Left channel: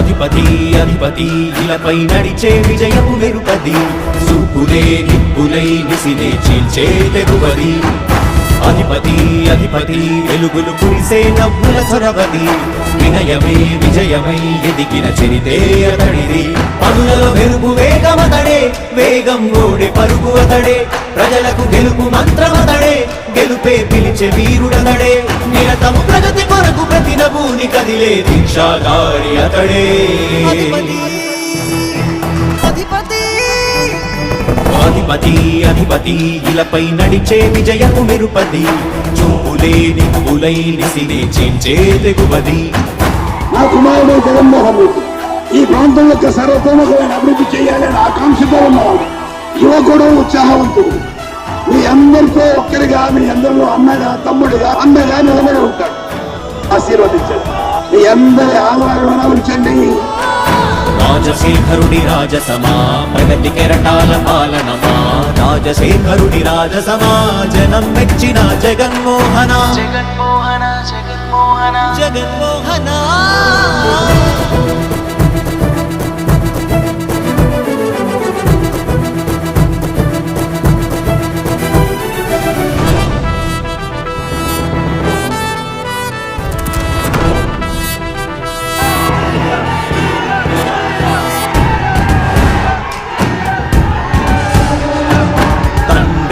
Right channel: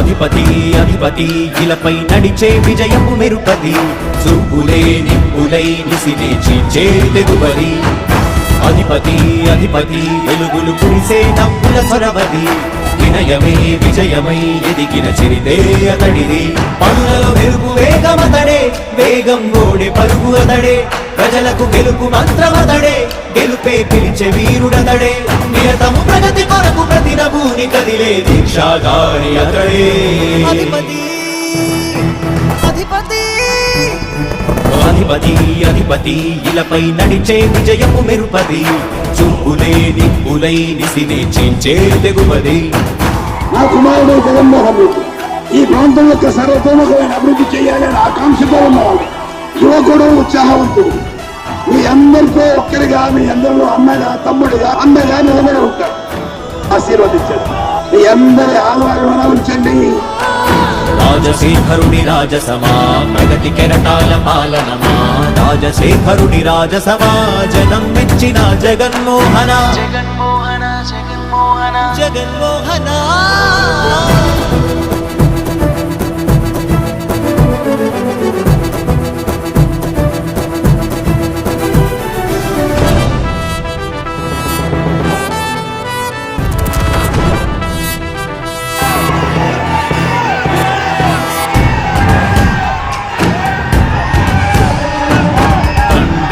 అధిపతి అధిపతి ఇలపై నడిచే విజయము మెరుపది చూపులే నిప్పులై నిసినే చీల్చే తెగువది. అధిపతి అధిపతి వెలుగులు కురిసే నవ్వుల చొరవది వినయమే విజయమై ఎదిగిన చరితే అతడిది. వేగం ఓడే పరుగు అతడే. ప్రజలకు గెలుపు మంత్రమతడే గెలుపే పిలిచే వీరుడతడే. నిరతము ప్రగతి కొరకు ప్రతి నభూని కదిలే దీక్షాగారి అతడే. అధిపతి అధిపతి. అధిపతి అధిపతి ఇలపై నడిచే విజయము మెరుపది. చూపులే నిప్పులై నిసినే చేంచే తెగువది. నా కుమారుడు జగన్మోహన్ రెడ్డి. ఈ ప్రాంతం యొక్క సర్వతోముఖమైన అభివృద్ధి చేయాలని ఆకాంక్షతో ఉన్నవాడు. యువకుడు ఉత్సాహవంతుడు. మీ అందరితో ఒక్కరిగా మీ అందరిలో అన్నగా తమ్ముడిగా అన్నగా నిలబడి ఉంటాడు. ఆశీర్వదించండి. మీ అందరి ఆదరణ ఉంచండి. రాజశేఖరుడి రాజసమా ప్రగతి కెరటాల పాలనమా? రాజశేఖరుడి రాజసమా జనం మెచ్చిన జగన్మోహన? జగన్మోహన జగన్మోహన? జగన్మోహన?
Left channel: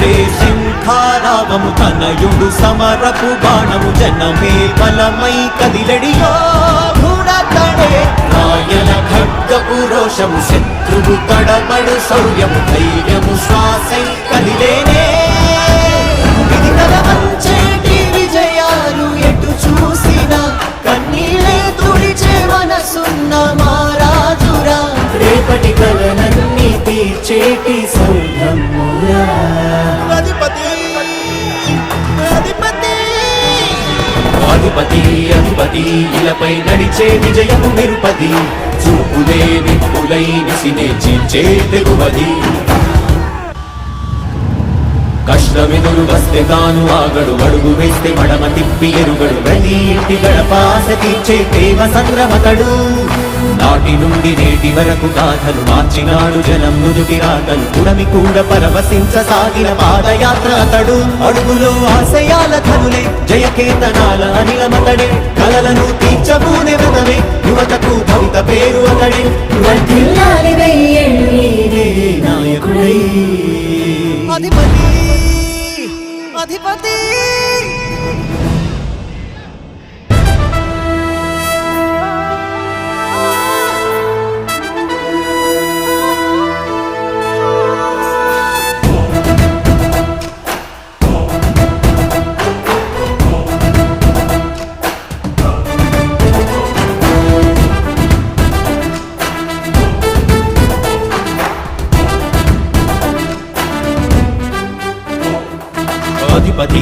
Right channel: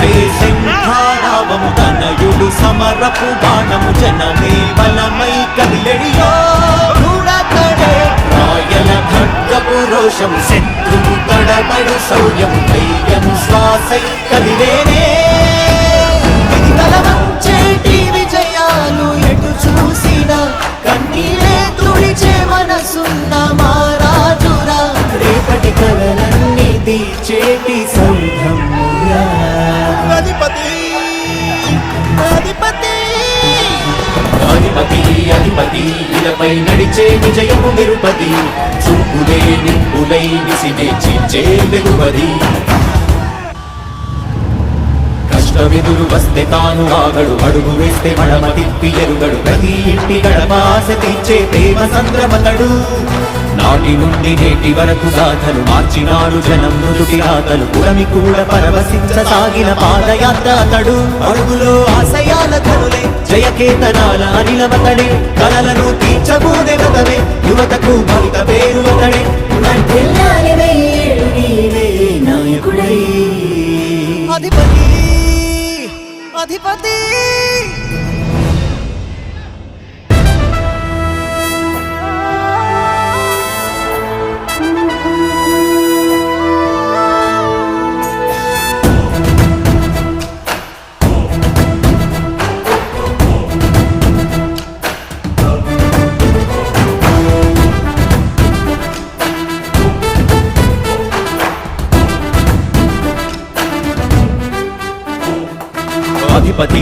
తండ్రి శంఖారావము తనయుడు సమరపు బాణము జనమే బలమై కదిలెడియో గుణతడే రాయల ఖడ్గపు రోషము శత్రువు తడబడు శౌర్యము ధైర్యము శ్వాసై కదిలేనే. ఇది కలవంచేటి విజయాలు ఎటు చూసిన కన్నీరే తుడిచే మనసున్న మారాజురా రేపటి కలనన్నీ తీర్చేటి సౌరమురా అధిపతి అధిపతి. ఇలపై నడిచే విజయము నిరుపది. చూపులే నిప్పులై నిసినే చీల్చే తెగువది కష్టమిదురు వస్తే తాను ఆగడు. అడుగు వేస్తే మడమ తిప్పి ఎరుగడు. ప్రతి ఇంటి గడపాస తీర్చే ప్రేమ సంద్రపతడు. నాటి నుండి నేటి వరకు సాధలు మార్చినాడు జనం ముందుకి రాగలు పురమి కూడా పరమసించ సాగిన పాదయాత్ర అతడు. అడుగులో ఆశయాల కనులే జయకేతనాల అనిలమతడే కలలను తీర్చబోనే వ్రతమే యువతకు భౌత పేరు అతడే. అధిపతి! అధిపతి! గణపతి